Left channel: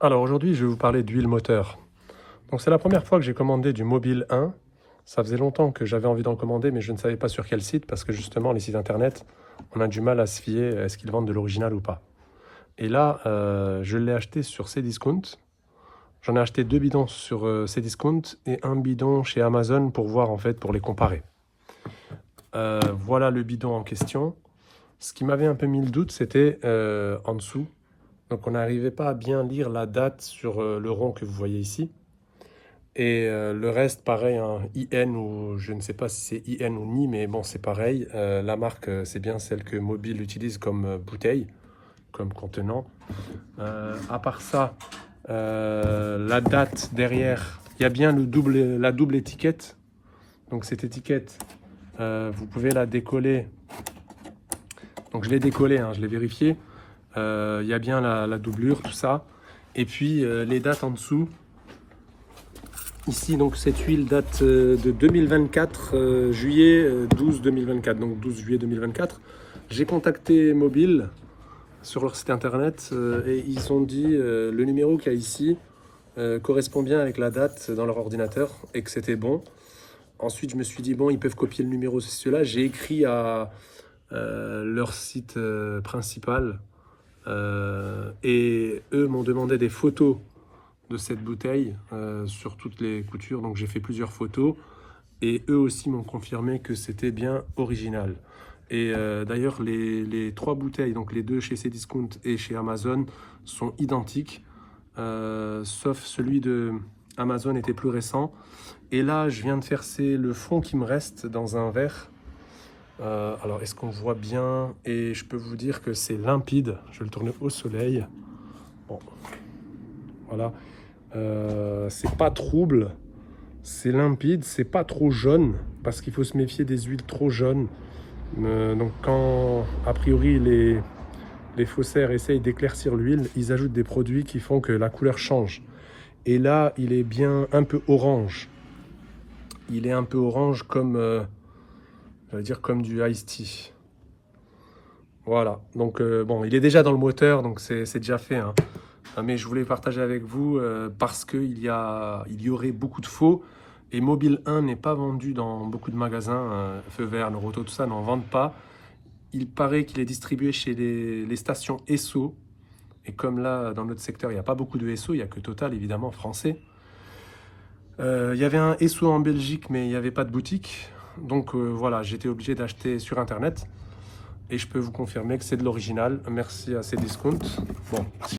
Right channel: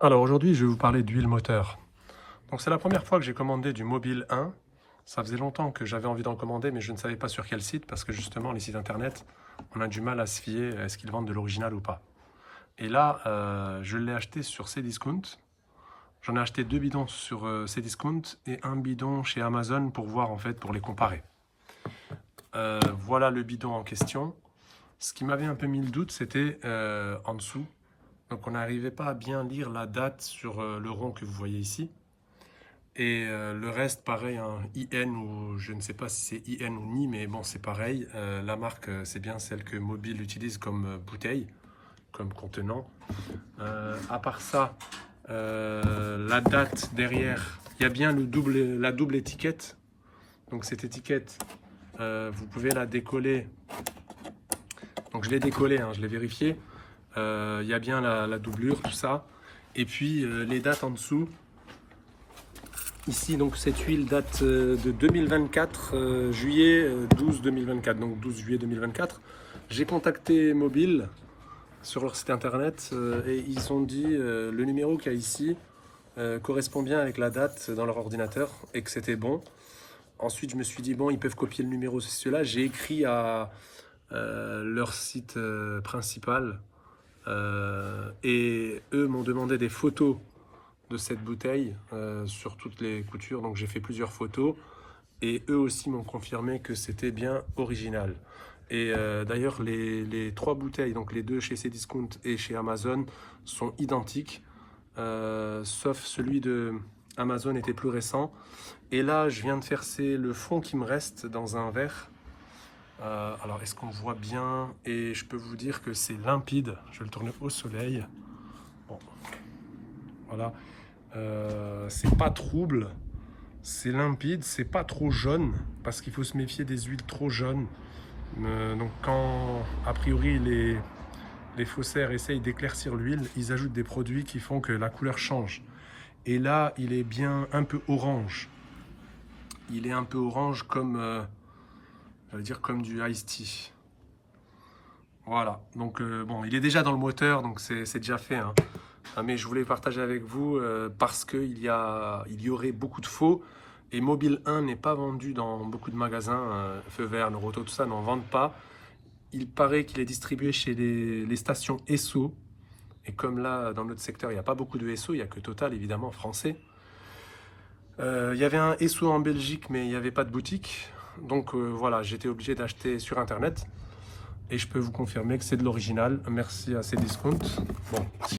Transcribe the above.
Alors aujourd'hui, je vais vous parler d'huile moteur. Donc c'est la première fois que j'ai commandé du Mobile 1. Ça faisait longtemps que j'avais envie d'en commander, mais je ne savais pas sur quel site, parce que justement, les sites internet, on a du mal à se fier, est-ce qu'ils vendent de l'original ou pas. Et là, je l'ai acheté sur Cdiscount. J'en ai acheté 2 bidons sur Cdiscount et un bidon chez Amazon pour voir, en fait, pour les comparer. Voilà le bidon en question. Ce qui m'avait un peu mis le doute, c'était en dessous. Donc on n'arrivait pas à bien lire la date sur le rond que vous voyez ici. Et le reste, pareil, un IN ou je ne sais pas si c'est IN ou NI, mais bon, c'est pareil. La marque, c'est bien celle que Mobile utilise comme bouteille, comme contenant. À part ça, la date derrière, il y a bien la double étiquette. Donc cette étiquette, vous pouvez la décoller. Donc je l'ai décollée, hein, je l'ai vérifié. Il y a bien la doublure, tout ça. Et puis les dates en dessous. Ici, donc cette huile date de 2024, juillet 12 2024, donc 12 juillet 2024. J'ai contacté Mobile sur leur site internet et ils ont dit le numéro qu'il y a ici correspond bien avec la date dans leur ordinateur et que c'était bon. Ensuite, je me suis dit, bon, ils peuvent copier le numéro, c'est cela. J'ai écrit à leur site principal et eux m'ont demandé des photos de cette bouteille sur toutes les coutures. Donc j'ai fait plusieurs photos et eux aussi m'ont confirmé que c'était bien original. Et d'ailleurs les 3 bouteilles, donc les 2 chez Cdiscount et chez Amazon, sont identiques, sauf celui de Amazon était plus récent. Et là je viens de verser le fond qui me reste dans un verre. Alors est-ce qu'on voit bien? Et je peux vous dire que c'est limpide. Je vais le tourner au soleil. Bon. Voilà. C'est pas trouble, c'est limpide, c'est pas trop jaune, parce qu'il faut se méfier des huiles trop jaunes. Donc quand, a priori, les faussaires essayent d'éclaircir l'huile, ils ajoutent des produits qui font que la couleur change. Et là, il est bien un peu orange. Il est un peu orange comme, je vais dire comme du iced tea. Voilà, donc bon, il est déjà dans le moteur, donc c'est déjà fait, hein. Mais je voulais partager avec vous parce qu'il y aurait beaucoup de faux. Et Mobile 1 n'est pas vendu dans beaucoup de magasins. Feu Vert, Neuroto, tout ça n'en vendent pas. Il paraît qu'il est distribué chez les stations Esso. Et comme là, dans notre secteur, il n'y a pas beaucoup de Esso, il n'y a que Total, évidemment, français. Il y avait un Esso en Belgique, mais il n'y avait pas de boutique. Donc voilà, j'étais obligé d'acheter sur Internet. Et je peux vous confirmer que c'est de l'original. Merci à Cdiscount. Bon.